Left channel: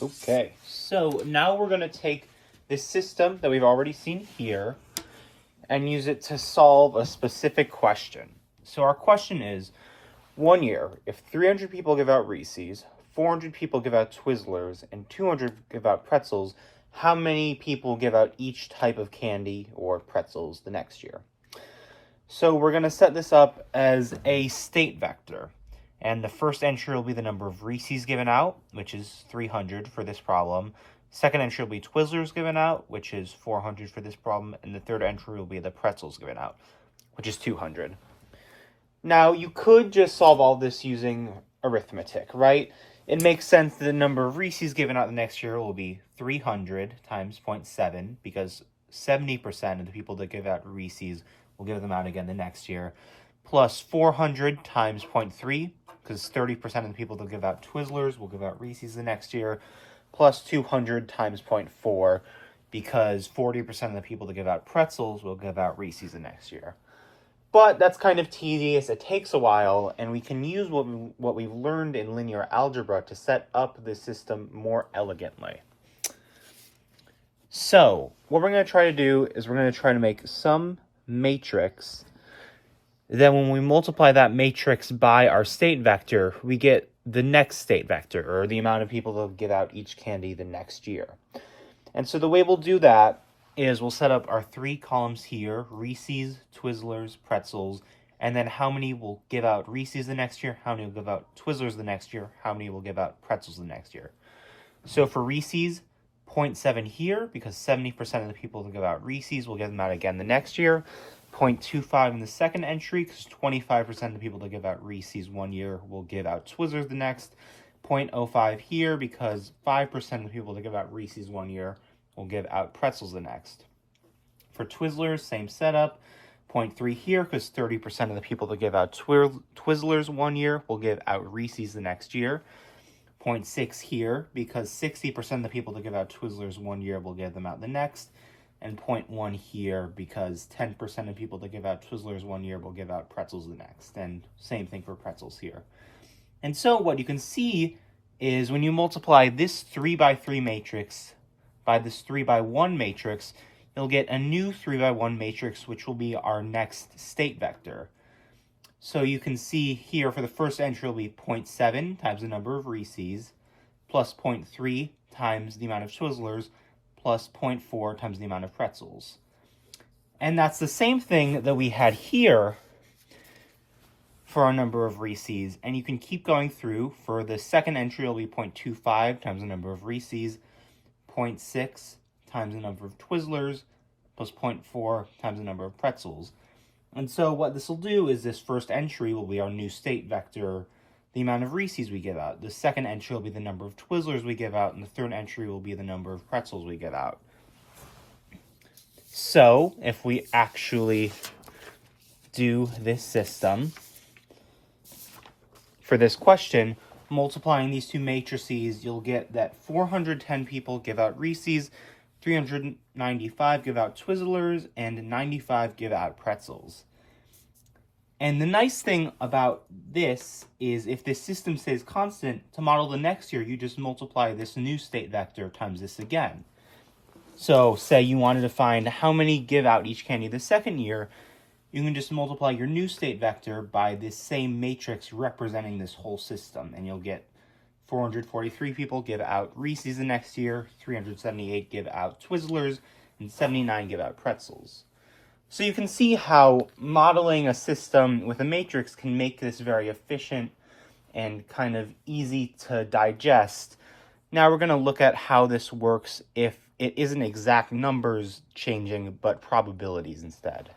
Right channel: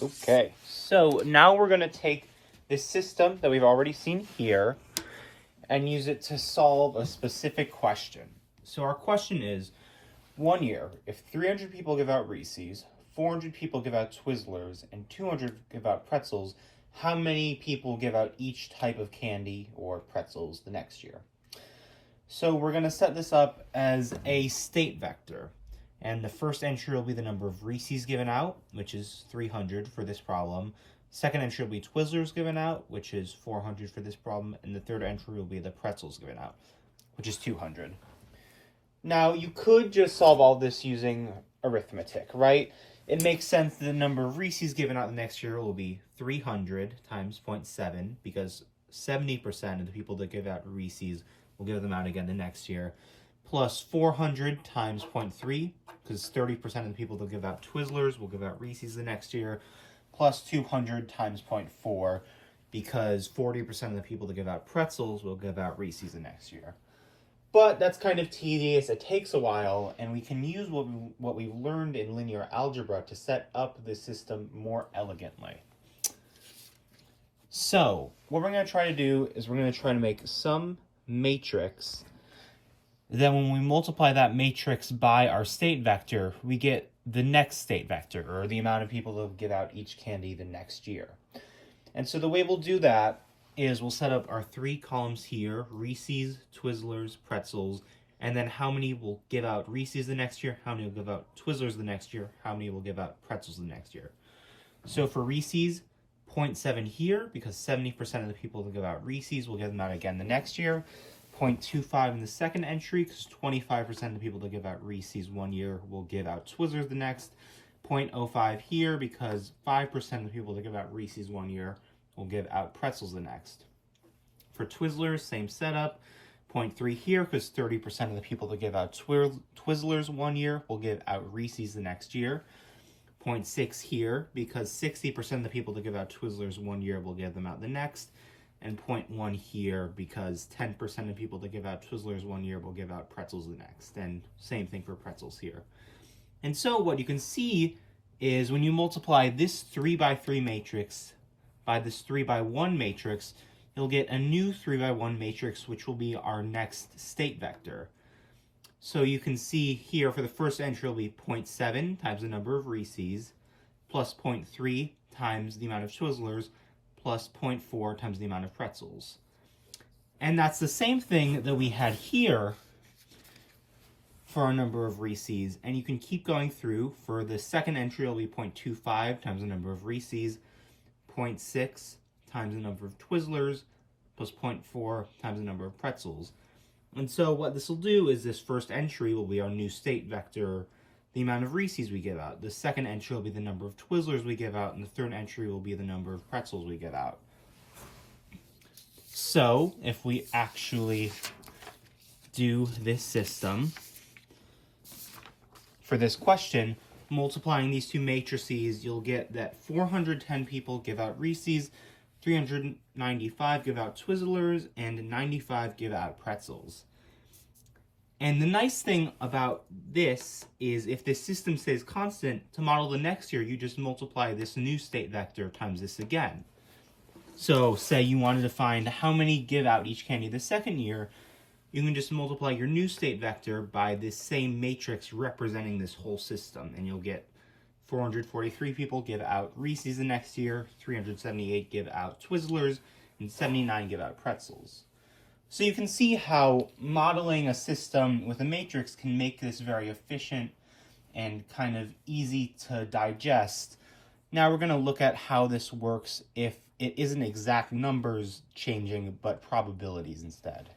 Okay, so now we're going to take this system that we've already seen here and use it to solve a specific question. So our question is, one year, if 300 people give out Reese's, 400 people give out Twizzlers, and 200 give out pretzels, how many people give out each type of candy or pretzels the next year? So we're going to set this up as a state vector. And the first entry will be the number of Reese's given out, which is 300 for this problem. Second entry will be Twizzlers given out, which is 400 for this problem. And the third entry will be the pretzels given out, which is 200. Now, you could just solve all this using arithmetic, right? It makes sense that the number of Reese's given out the next year will be 300 times 0.7, because 70% of the people that give out Reese's will give them out again the next year, plus 400 times 0.3, because 30% of the people that give out Twizzlers will give out Reese's the next year, plus 200 times 0.4, because 40% of the people that give out pretzels will give out Reese's the next year. But that's kind of tedious, it takes a while, and we can use what we've learned in linear algebra to set up the system more elegantly. So, what we're going to try to do is we're going to try to make some matrix. Then when we multiply that matrix by our state vector, we get the next state vector, or the amount of people that will give out each candy the next year. And so the way we'll do that is we'll set up our three columns here, Reese's, Twizzlers, pretzels, and then how many will give out Reese's the next year, how many will give out Twizzlers the next year, how many will give out pretzels the next year. So for Reese's, 0.7 here, because 70% of the people that give out Reese's will give them out again the next year. 0.25 in the second entry, because 25% of the people that give out Reese's one year will give out Twizzlers the next. 0.05 here, because 5% of the people that give out Reese's one year will give out pretzels the next. For Twizzlers, same setup. 0.3 here, because 30% of the people that give out Twizzlers one year will give out Reese's the next year. 0.6 here, because 60% of the people that give out Twizzlers one year will give them out the next. And 0.1 here, because 10% of people that give out Twizzlers one year will give out pretzels the next. And same thing for pretzels here. And so what you can see is when you multiply this 3 by 3 matrix by this 3 by 1 matrix, you'll get a new 3 by 1 matrix, which will be our next state vector. So you can see here for the first entry will be 0.7 times the number of Reese's, plus 0.3 times the amount of Twizzlers, plus 0.4 times the amount of pretzels. And that's the same thing that we had here for our number of Reese's. And you can keep going through. For the second entry, it'll be 0.25 times the number of Reese's, 0.6 times the number of Twizzlers, plus 0.4 times the number of pretzels. And so what this will do is this first entry will be our new state vector, the amount of Reese's we give out. The second entry will be the number of Twizzlers we give out, and the third entry will be the number of pretzels we give out. So if we actually do this system for this question, multiplying these two matrices, you'll get that 410 people give out Reese's, 395 give out Twizzlers, and 95 give out pretzels. And the nice thing about this is if this system stays constant, to model the next year, you just multiply this new state vector times this again. So say you wanted to find how many give out each candy the second year, you can just multiply your new state vector by this same matrix representing this whole system, and you'll get 443 people give out Reese's the next year, 378 give out Twizzlers, and 79 give out pretzels. So you can see how modeling a system with a matrix can make this very efficient and kind of easy to digest. Now we're going to look at how this works if it isn't exact numbers changing, but probabilities instead.